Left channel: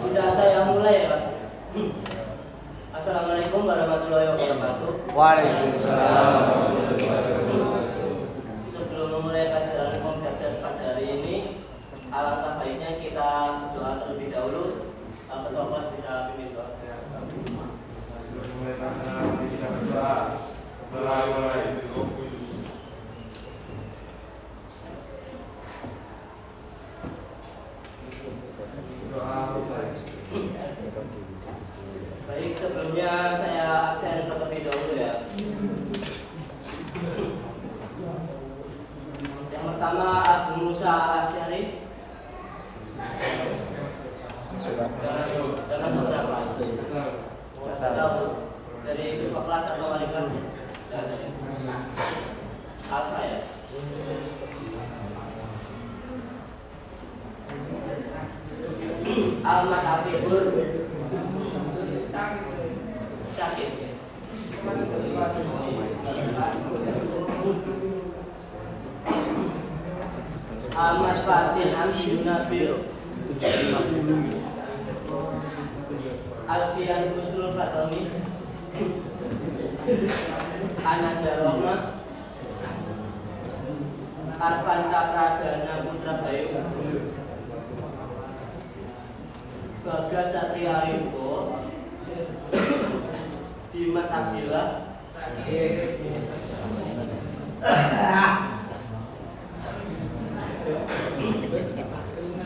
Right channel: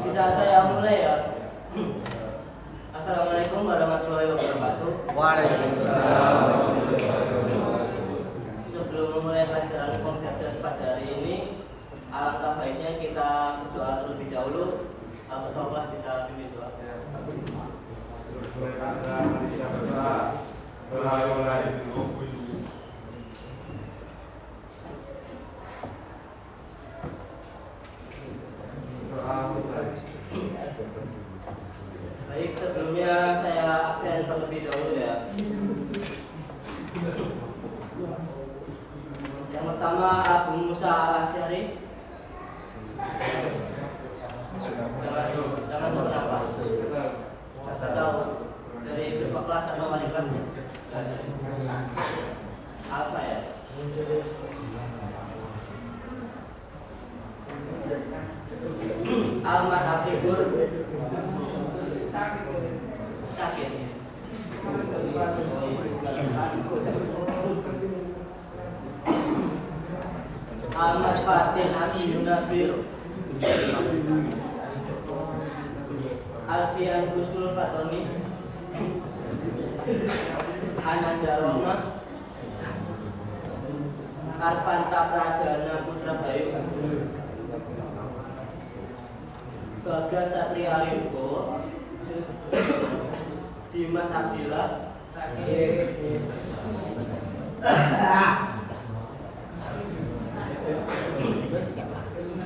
Bisa saya mulai ya? Assalamualaikum warahmatullahi wabarakatuh. Waalaikumsalam. Sebelum memulai pelajaran Hukum Cerdas pada hari ini, alangkah baiknya kita berdoa terlebih dahulu. Ketua kelas bisa pimpin doa. Kita berdoa. Baik, sebelumnya saya absen terlebih dahulu ya. Yang pertama Abu Musa Al-Asy'ari. Dengan berapa? Tidak tahu dari ketua kelas atau wali kelasnya. Apa ya? Almat Afiqur sakit. Almat Fatin Amsi Yunabir Alfian Husnul Fatoni Ananda Roma Arfanta Pradana Putra Bayu Bagas Satria Limpo Dimas Abdillah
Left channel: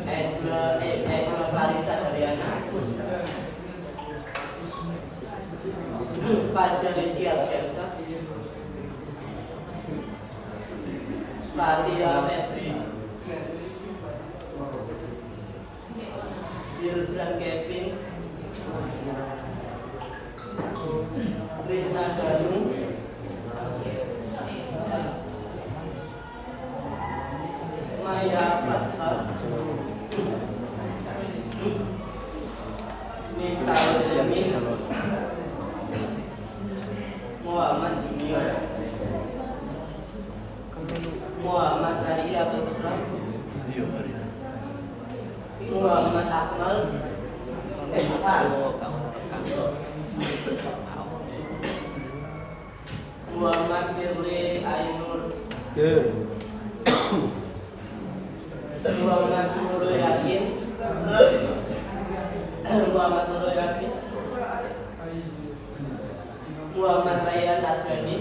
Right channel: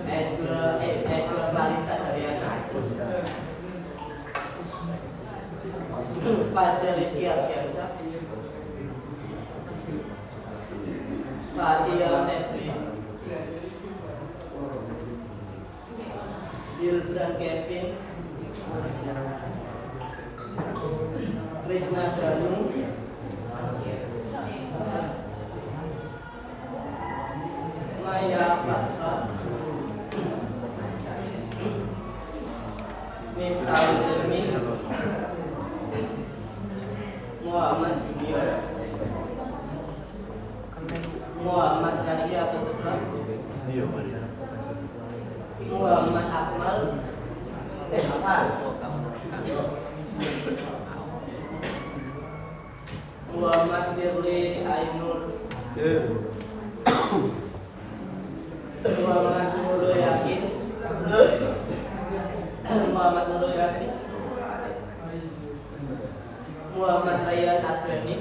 Ega Parisa Dariana Fajar Rizky Ardiansa Fatia Febri Dilbran Kevin Krishna Danu Maya Fatha Miftahul Jamil Muhammad Junior Muhammad Rasya Putra Muhammad Akmal Muhammad Firly Ainur Muhammad Nurul Yakin Muhammad Nurul Yakin Muhammad Rayyan Adani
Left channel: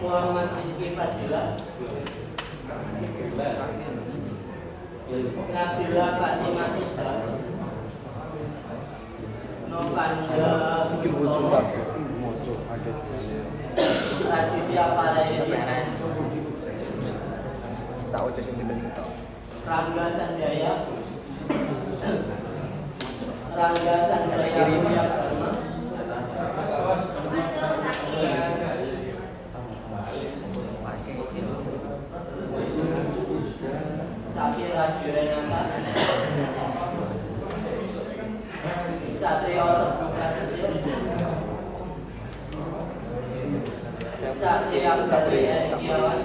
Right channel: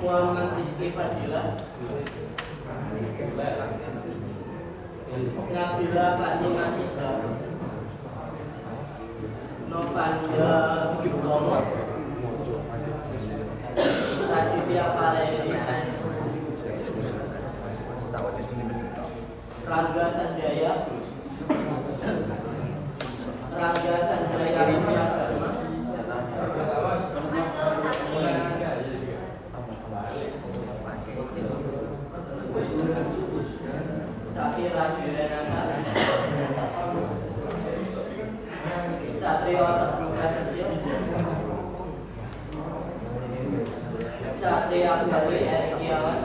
Muhammad Rizky Fadilah Nabila Fatimah Tisa Novanda Utomo Raditya Paresi Rangga Sanjaya Rangga Sanjaya Mulia Dharma Safira Jurenata Satrio Teguh Prasetyo Satria Gali Erikiawan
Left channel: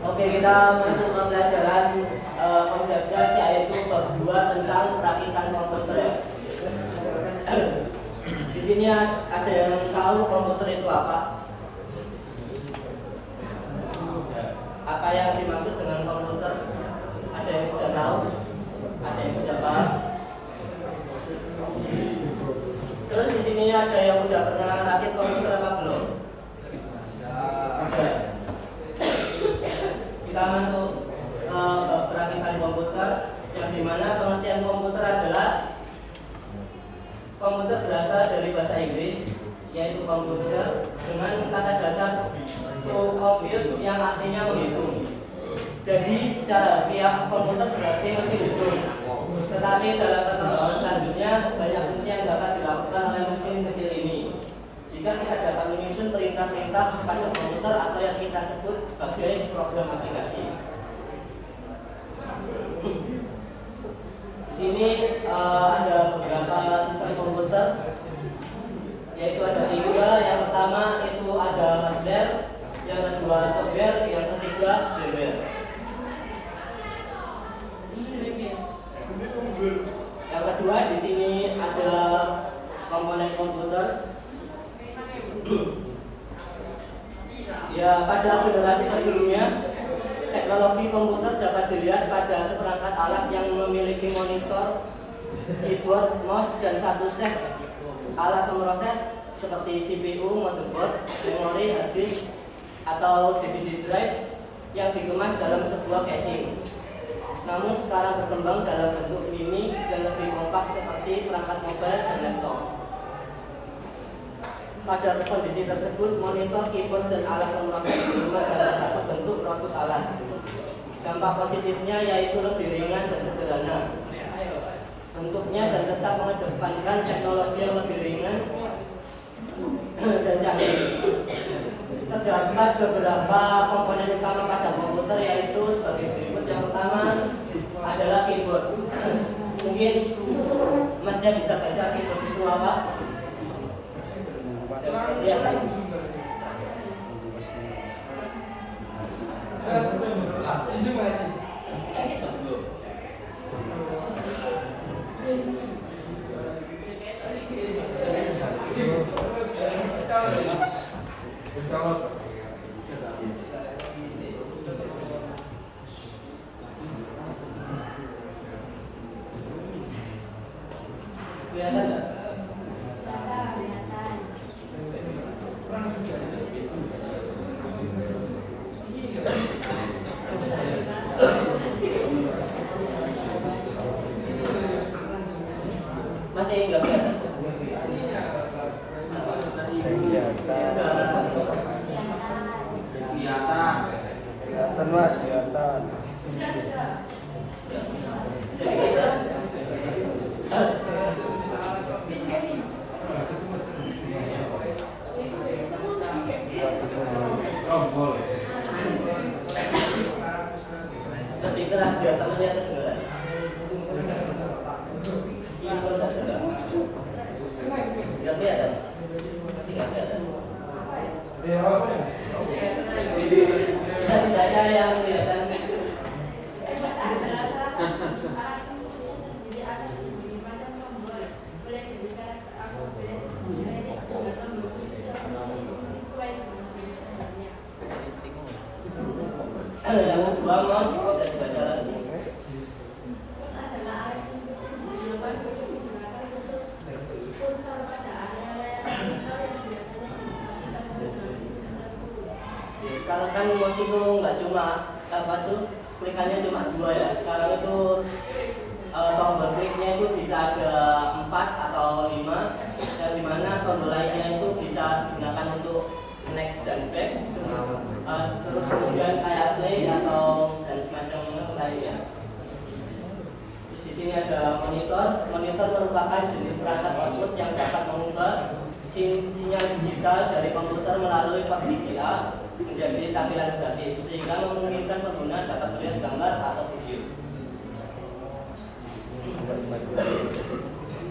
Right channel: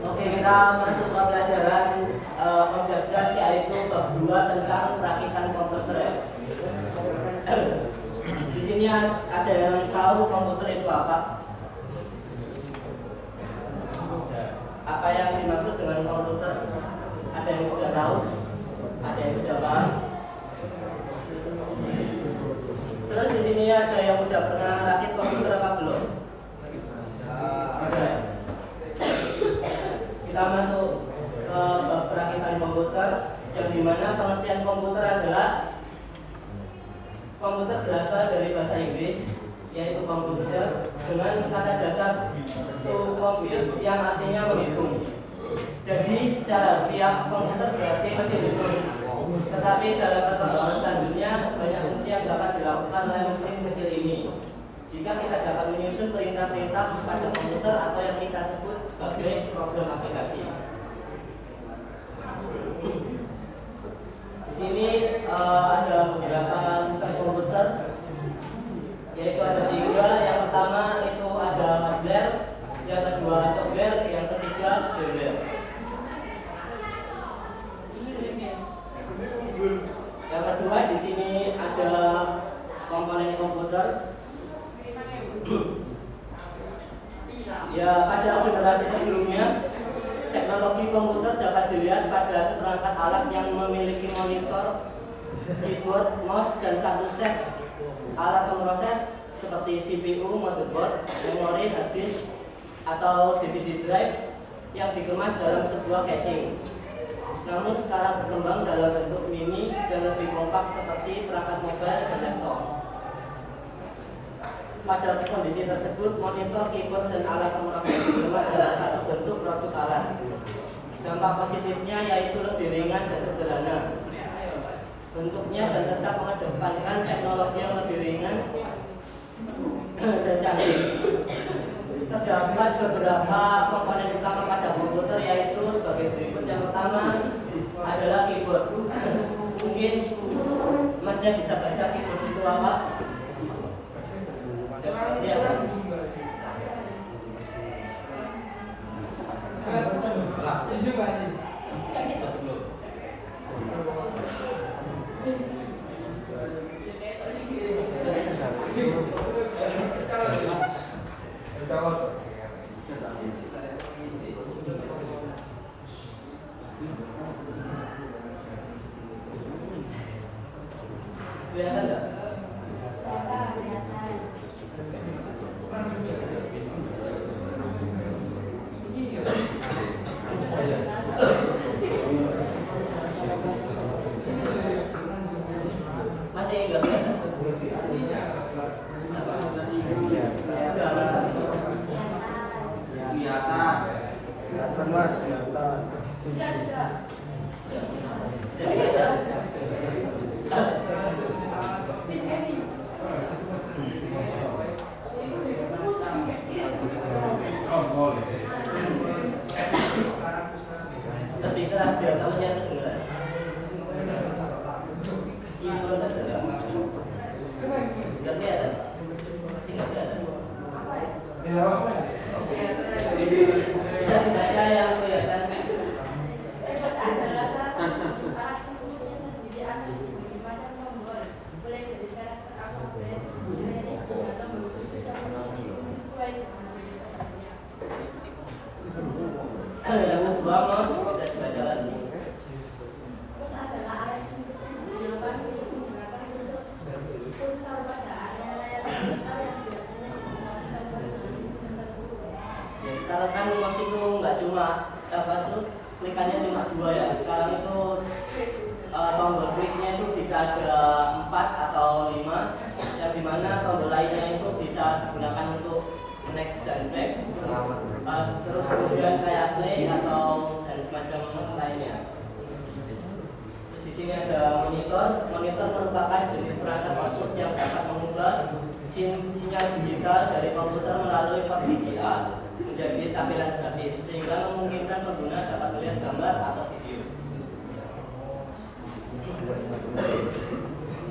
Oke, kita masuk ke pelajaran Cerdas, yaitu bab 2 tentang perakitan komputer ya. Di sini ada yang tahu komputer itu apa? Apa yang dimaksud dengan komputer? Ada yang sudah tahu? Ada yang sudah paham? Terus di sini ada yang sudah pernah rakit komputer apa belum? Ada. Kita masuk ke perakitan komputer, yang dimana pengertian komputer adalah komputer berasal dari bahasa Inggris, yaitu komputer, dengan kata dasar to compute yang artinya menghitung. Jadi secara harfiah komputer berarti mesin hitung. Tetapi dalam perkembangan selanjutnya banyak fungsi yang dapat dilakukan oleh mesin kecil ini. Jika kita dapat menyusun perintah-perintah pada komputer atau yang kita sebut sebagai program aplikasi. Di sini ada komponen komputer. Ya, pada generasi sebelumnya, teknologi komputer dapat dilihat pada seperangkat alat yang memiliki monitor, keyboard, mouse, dan satu set alat pemroses seperti CPU, motherboard, memori, hard disk, atau DVD drive yang dikemas dalam sebuah casing. Namun sekarang berkembang dalam bentuk mini dan lebih kompak seperti perangkat mobile dan laptop. Pada kondisi tersebut, monitor, keyboard, dan alat pemroses dikemas dalam satu bentuk produk alat. Dampak positifnya yaitu lebih ringan dan sederhana bentuknya dan tetap mengedepankan teknologi yang lebih ringan dan canggih. Terdapat beberapa komponen utama pada komputer yaitu sebagai berikut. Yang pertama adalah keyboard. Mungkin Masnya bisa baca keyboard itu apa? Lihat. Kelihatan nggak? Masih nggak kelihatan? Kelihatan mas, kelihatan. Lebih keras biar temennya kedengeran. Nggak kelihatan? Masih nggak kelihatan? Bisa tidaknya yang kelihatan? Yang kedua, mouse bisa dibaca lagi. Ya, sekarang kan mouse itu nggak cuma pas tuh kelikannya cuma 2 ya. Sekarang itu tombol kliknya itu bisa ada 4 atau 5, yang dimana tombol lainnya itu bisa digunakan untuk next dan back, terus kemudian kayak play atau dan semacam lainnya. Terus di sini ada monitor. Monitor merupakan jenis perangkat output yang dapat mengubah sinyal digital dari komputer melalui port VGA menjadi tampilan grafis sehingga memungkinkan pengguna dapat melihat gambar atau video.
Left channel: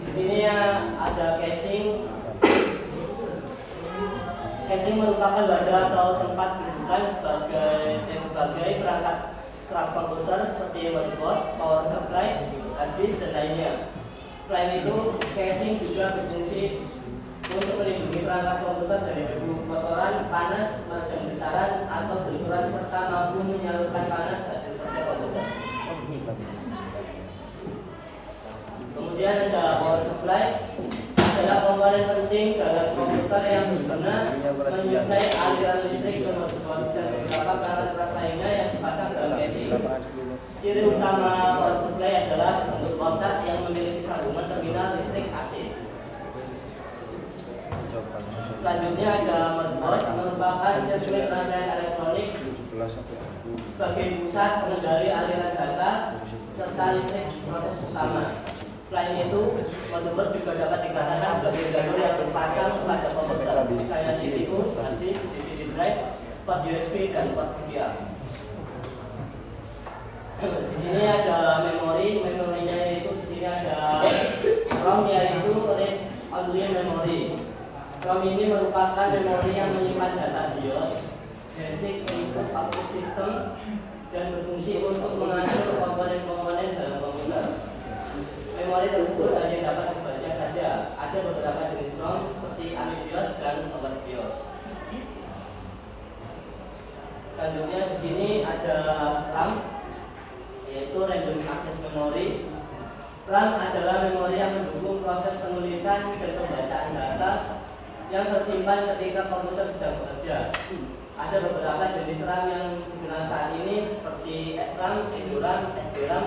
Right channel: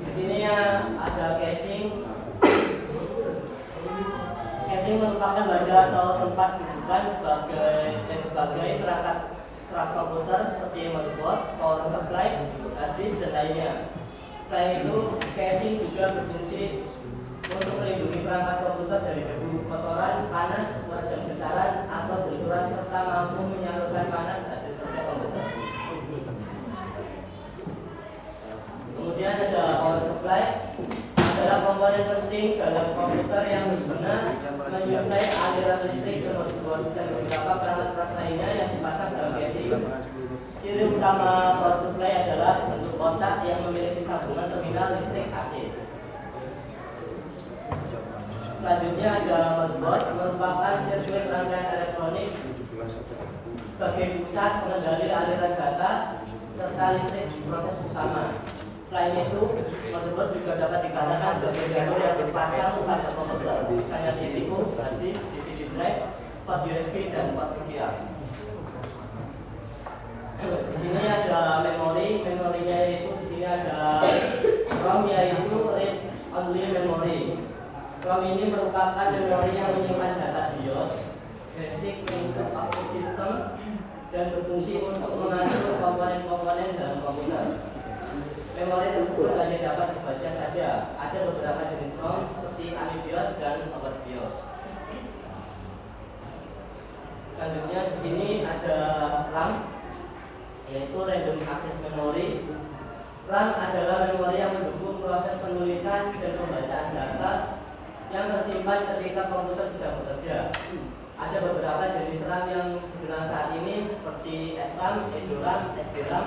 Di sini yang ada casing. Casing merupakan wadah atau tempat rujukan sebagai berbagai perangkat keras komputer seperti motherboard, power supply, hard disk, dan lainnya. Selain itu, casing juga berfungsi untuk melindungi perangkat komputer dari debu, kotoran, panas, meredam getaran, atau benturan serta mampu menyalurkan panas hasil kerja komputer. Kemudian ada power supply, adalah komponen penting dalam komputer yang berguna menyuplai aliran listrik ke motherboard dan beberapa perangkat lainnya yang dipasang dalam casing. Ciri utama power supply adalah bentuk kotak yang memiliki sambungan terminal listrik AC. Selanjutnya ada motherboard, merupakan sirkuit rangkaian elektronik sebagai pusat pengendali aliran data serta listrik proses utama. Selain itu, motherboard juga dapat dikatakan sebagai jalur yang dipasang pada komputer, misalnya CPU, hard disk, DVD drive, port USB, dan port VGA. Di sini ada memori, memorinya yaitu di sini ada ROM yaitu read only memory. ROM ini merupakan memori yang menyimpan data BIOS, basic input output system, dan berfungsi untuk mengatur komponen-komponen dalam komputer. memori tersebut hanya dapat dibaca saja. Ada beberapa jenis ROM seperti AmiBIOS dan OverBIOS. Selanjutnya di sini ada RAM, yaitu Random Access Memory. RAM adalah memori yang mendukung proses penulisan dan pembacaan data yang tersimpan ketika komputer sedang bekerja. Ada beberapa jenis RAM yang digunakan saat ini seperti SRAM, EDORAM, SDRAM,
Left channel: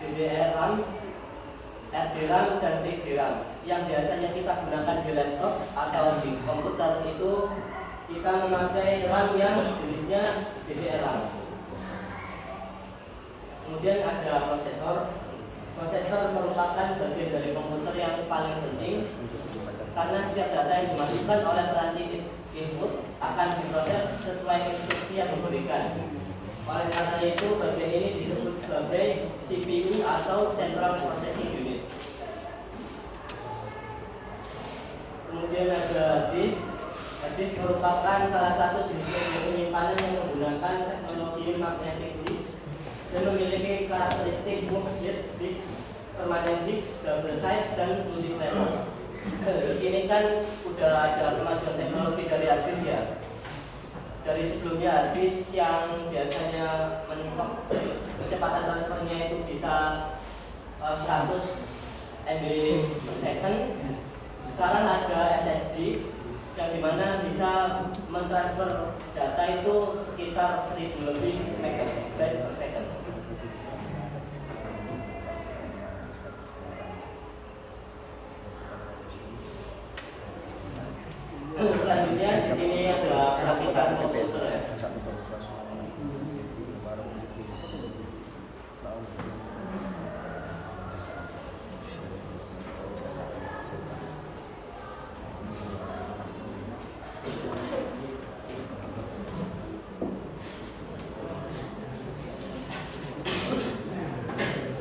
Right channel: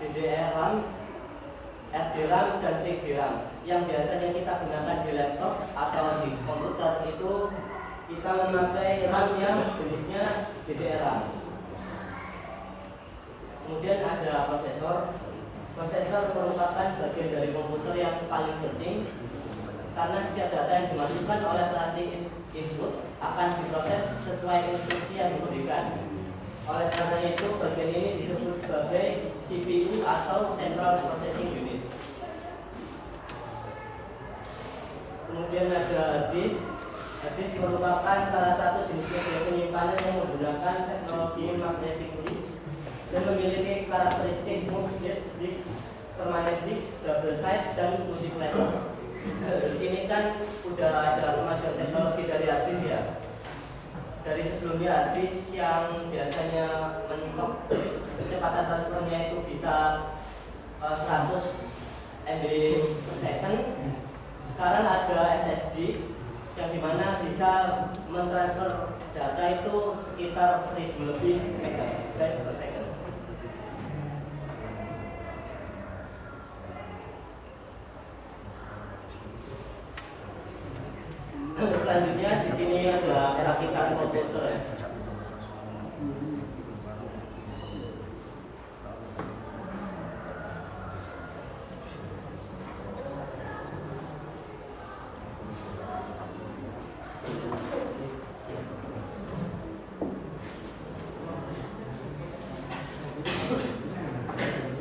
DDR-RAM, RDRAM, dan VGRAM. Yang biasanya kita gunakan di laptop atau di komputer itu kita memakai RAM yang jenisnya DDR-RAM. Kemudian ada prosesor. Prosesor merupakan bagian dari komputer yang paling penting karena setiap data yang dimasukkan oleh peranti input akan diproses sesuai instruksi yang diberikan. Oleh karena itu, bagian ini disebut sebagai CPU atau Central Processing Unit. Kemudian ada disk. Disk merupakan salah satu jenis media penyimpanan yang menggunakan teknologi magnetic disk dan memiliki karakteristik moved disk, permanent disk, double side, dan multiplayer. Di sini kan udah ada kemajuan teknologi dari hard disk ya. Dari sebelumnya hard disk yang biasanya mentok kecepatan transfernya itu bisa 100 MB per second. Sekarang ada SSD yang dimana bisa mentransfer data itu sekitar 1000 lebih megabyte per second. Selanjutnya di sini ada perakitan komputer ya.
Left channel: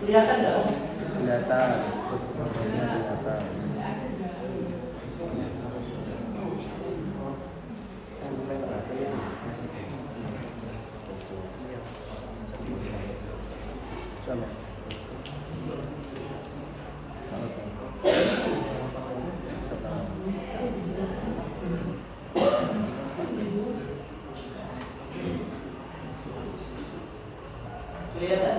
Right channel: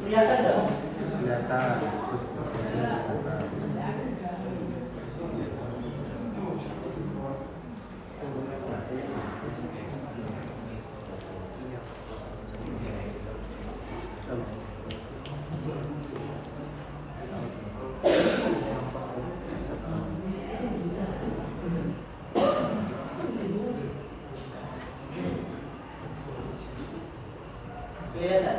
Kelihatan nggak? Kelihatan. Kelihatan?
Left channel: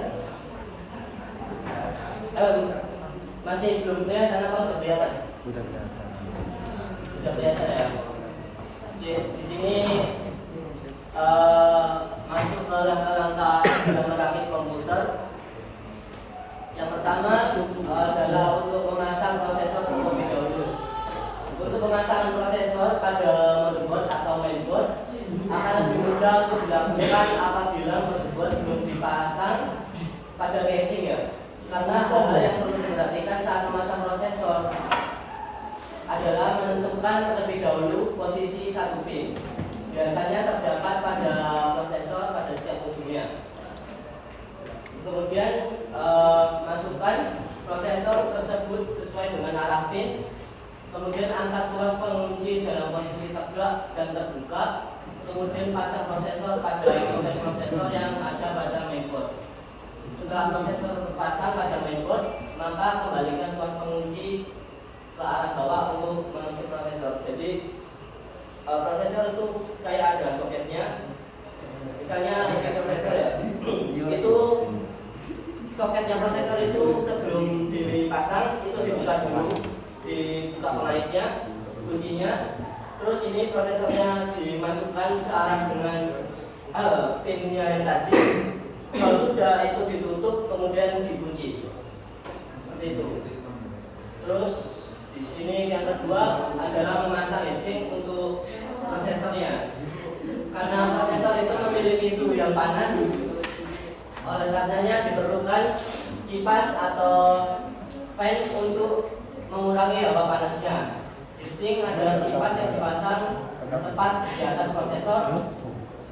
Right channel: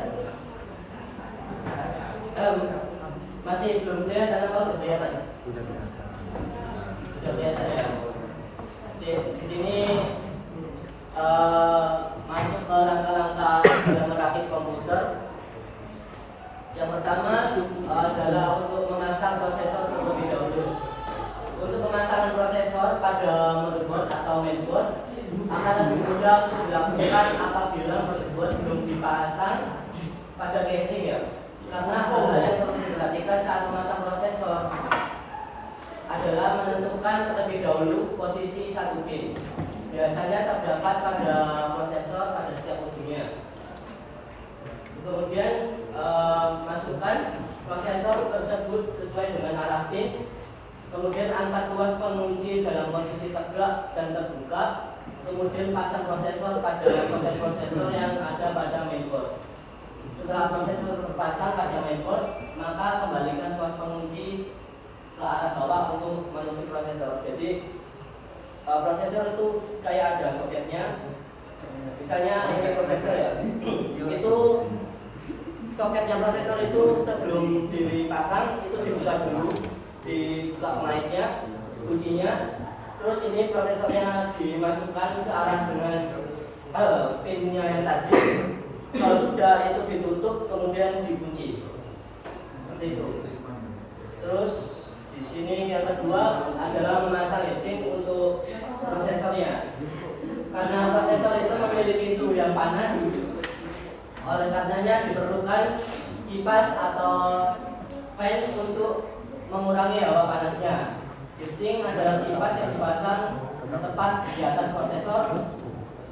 Masih belum kelihatan apa udah kelihatan? Sudah kelihatan ya. Di sini masuk ke langkah-langkah dalam merakit komputer. Yang pertama adalah untuk memasang prosesor terlebih dahulu. Untuk pemasangan prosesor pada motherboard atau mainboard akan lebih mudah untuk dilakukan apabila motherboard belum dipasang pada casing ya. Karena hal-hal yang perlu diperhatikan saat memasang prosesor adalah menentukan terlebih dahulu posisi satu pin. Biasanya terdapat pada prosesor pada setiap ujungnya. Kemudian masukkan prosesor tersebut sesuai dengan arah pin. Kemudian angkat tuas pengunci dalam posisi tegak dan terbuka. Kemudian pasang prosesor pada soket prosesor yang ada pada mainboard. Setelah prosesor terpasang pada mainboard, maka kembalikan tuas pengunci ke arah bawah untuk menutup prosesor. Jadi prosesor itu kayak ada soketnya. Misalnya ini prosesor ya, itu soketnya prosesor itu sebelum dipasang itu dibuka dulu, dibuka pengait-nya, kuncinya. Terus ini prosesornya dimasukkan searah dengan pinnya yang tadi. Kalau sudah itu ditutup kemudian dikunci seperti itu. Terus di sini yang kedua adalah memasang heatsink untuk prosesornya. Karena prosesor itu memiliki suhu yang panas, oleh karenanya diperlukan kipas atau fan untuk mengurangi hawa panasnya. Heatsink adalah kipas yang dipasang tepat di atas prosesor.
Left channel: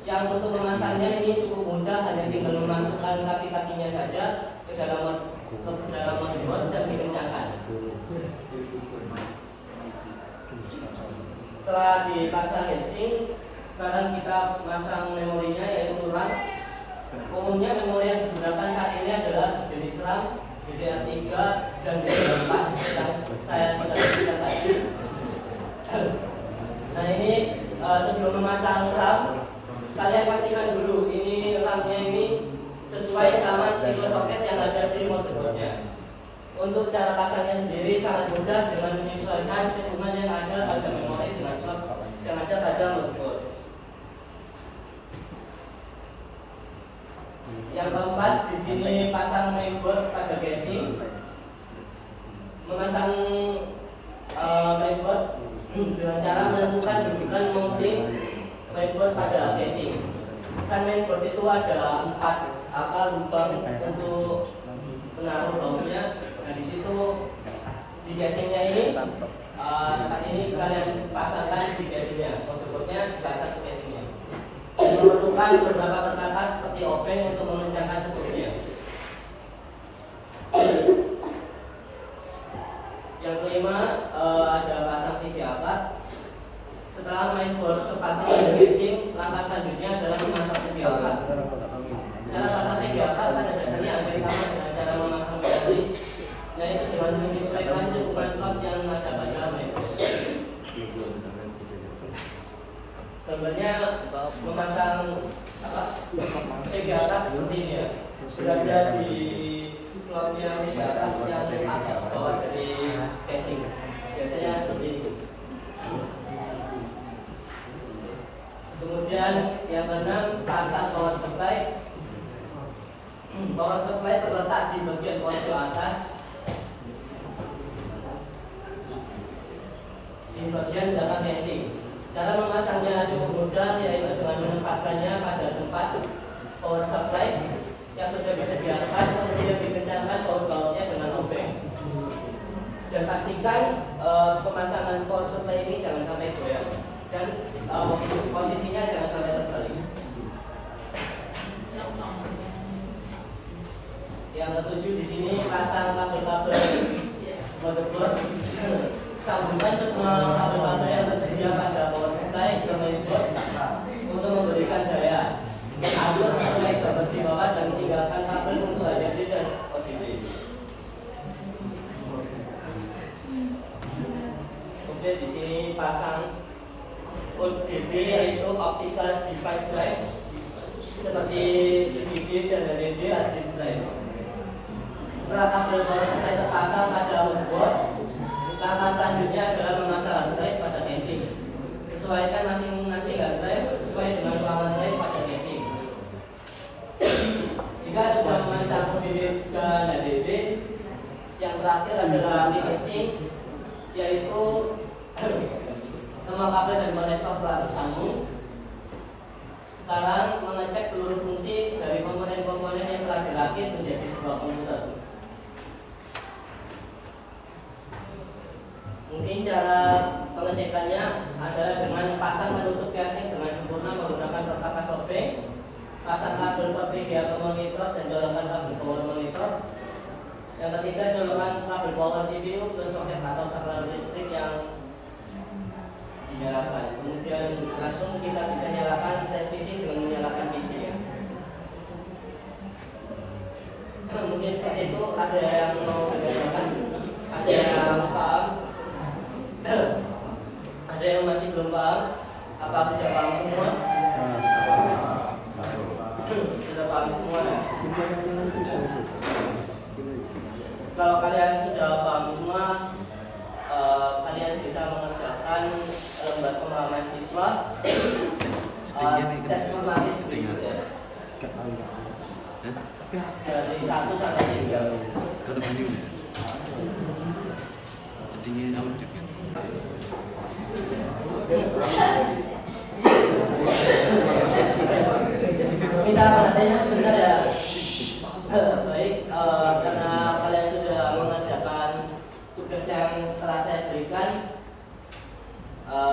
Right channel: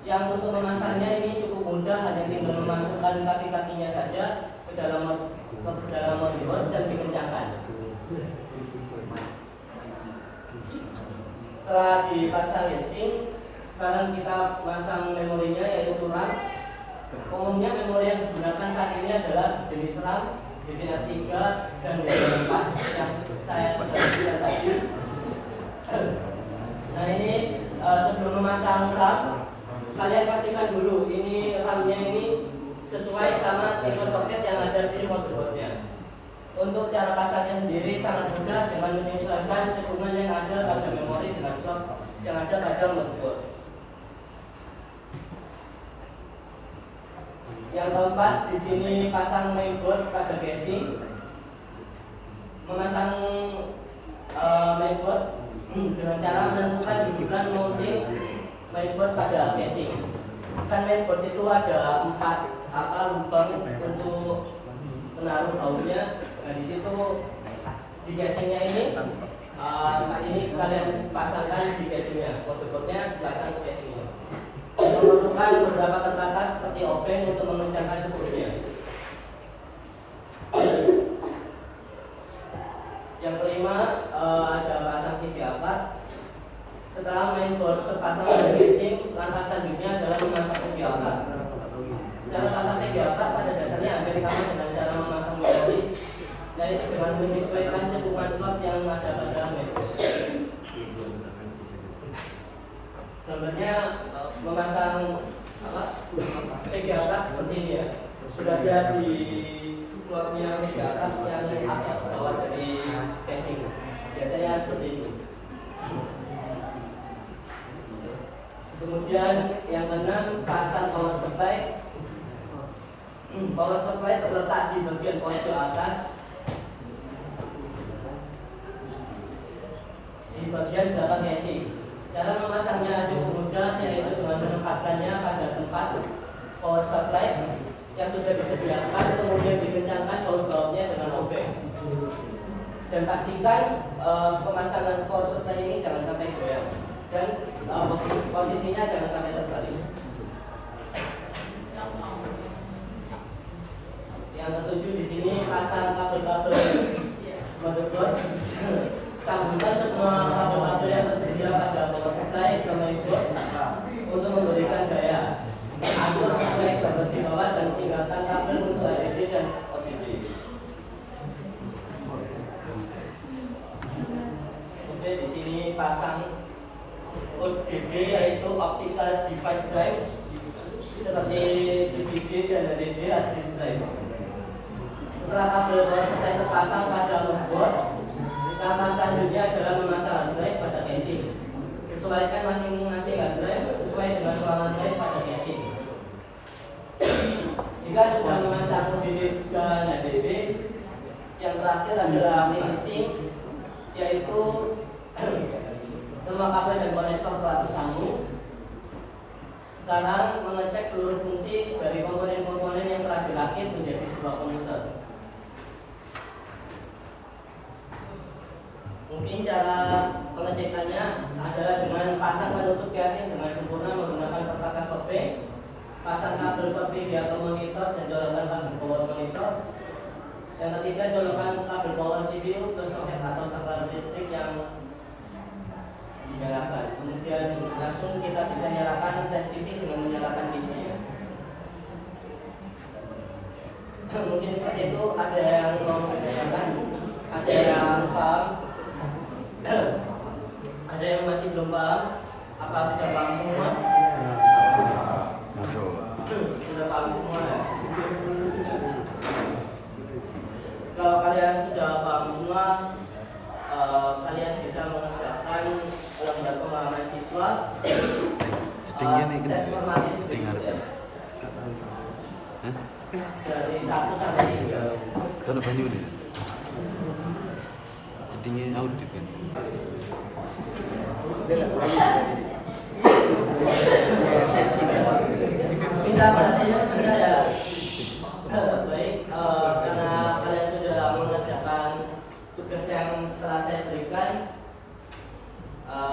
Yang untuk memasangnya ini cukup mudah, hanya tinggal memasukkan kaki-kakinya saja ke dalam motherboard dan dikencangkan. Setelah dipasang heatsink, sekarang kita pasang memorinya yaitu RAM. Umumnya memori yang digunakan saat ini adalah jenis RAM DDR3 dan metode 4 yang saya sudah sebutkan tadi. Nah ini sebelum memasang RAM, kalian pastikan dulu ini RAM-nya ini sesuai sama tipe soket yang ada di motherboardnya. Untuk cara pasangnya sendiri sangat mudah dengan menyesuaikan cekungan yang ada pada memori dengan slot yang ada pada motherboard. Yang keempat, di sini pasang mainboard pada casing. Memasang mainboard dengan cara menentukan dudukan mounting mainboard pada casing. Kan mainboard itu ada 4 lubang untuk menaruh bautnya. Nah di situ di casingnya ini kalian pasangkan di casingnya, motherboardnya dipasang ke casingnya. Memerlukan beberapa perkakas seperti obeng untuk mengencangkan seluruhnya. Yang kelima ada pasang tiga akar. Setelah mainboard terpasang pada casing, langkah selanjutnya adalah memasang tiga akar. Cara pasang tiga akar pada dasarnya hampir sama dengan cara memasang memori, yaitu dengan menyesuaikan cekungan slot yang ada pada mainboard. Gambarnya memasang tiga akar seperti ini ya, berada di slotnya tiga akar yang bawah dari casing. Biasanya seperti ini. Kemudian yang keenam, pasang power supply. Power supply terletak di bagian pojok atas di bagian belakang casing. Cara memasangnya cukup mudah, yaitu dengan menempatkannya pada tempat power supply yang sudah bisa diangkat, kemudian dikencangkan baut-bautnya dengan obeng. Dan pastikan pemasangan power supply ini jangan sampai goyang dan posisinya jangan sampai terbalik. Yang ketujuh, di sini pasang kabel-kabel motherboard. Sambungkan semua kabel-kabel yang tersedia pada power supply ke mainboard untuk memberikan daya. Atur sesuai gambar di bawah dan tinggalkan kabel untuk HDD dan ODD. Kemudian di sini pasang ODD, yaitu optical device drive, seperti DVD dan HDD hard disk drive. Setelah kabel power supply terpasang pada motherboard, langkah selanjutnya adalah memasang hard drive pada casing. Sesuaikan masing-masing hard drive sesuai dengan ruangan drive pada casing. Jika sudah memasang ODD dan HDD, yang terakhir adalah finishing, yaitu semua kabel dan konektor telah tersambung. Sekarang mengecek seluruh fungsi dari komponen-komponen yang telah dirakit menjadi sebuah komputer. Mungkin cara pengecekannya adalah dengan pasang menutup casing dengan sempurna menggunakan perkakas obeng, pasang kabel VGA ke monitor dan colokan kabel power monitor. Yang ketiga, colokan kabel power CPU ke soket atau saklar listrik yang dinyalakan. Kemudian langsung kita bisa nyalakan tes PC dengan menyalakan PC ya. Mungkin seperti itu. Ada yang mau kita nyalakan, ada yang paham, ada yang masih belum paham. Apa sudah paham semua? Sudah paham semua ya? Kalau kalian sudah paham semua, kalian bisa mengerjakan lembar pengalaman siswa tes formatif berikut ya. Dari 1 sampai 3. Minta perhatiannya sebentar ya. Baik, karena kalian sudah mengerjakan tugas yang telah saya berikan,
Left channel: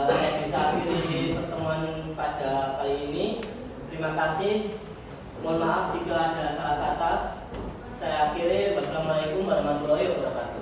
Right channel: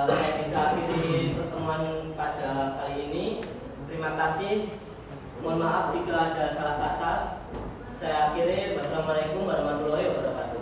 saya bisa akhiri pertemuan pada kali ini. Terima kasih. Mohon maaf jika ada salah kata. Saya akhiri. Wassalamualaikum warahmatullahi wabarakatuh.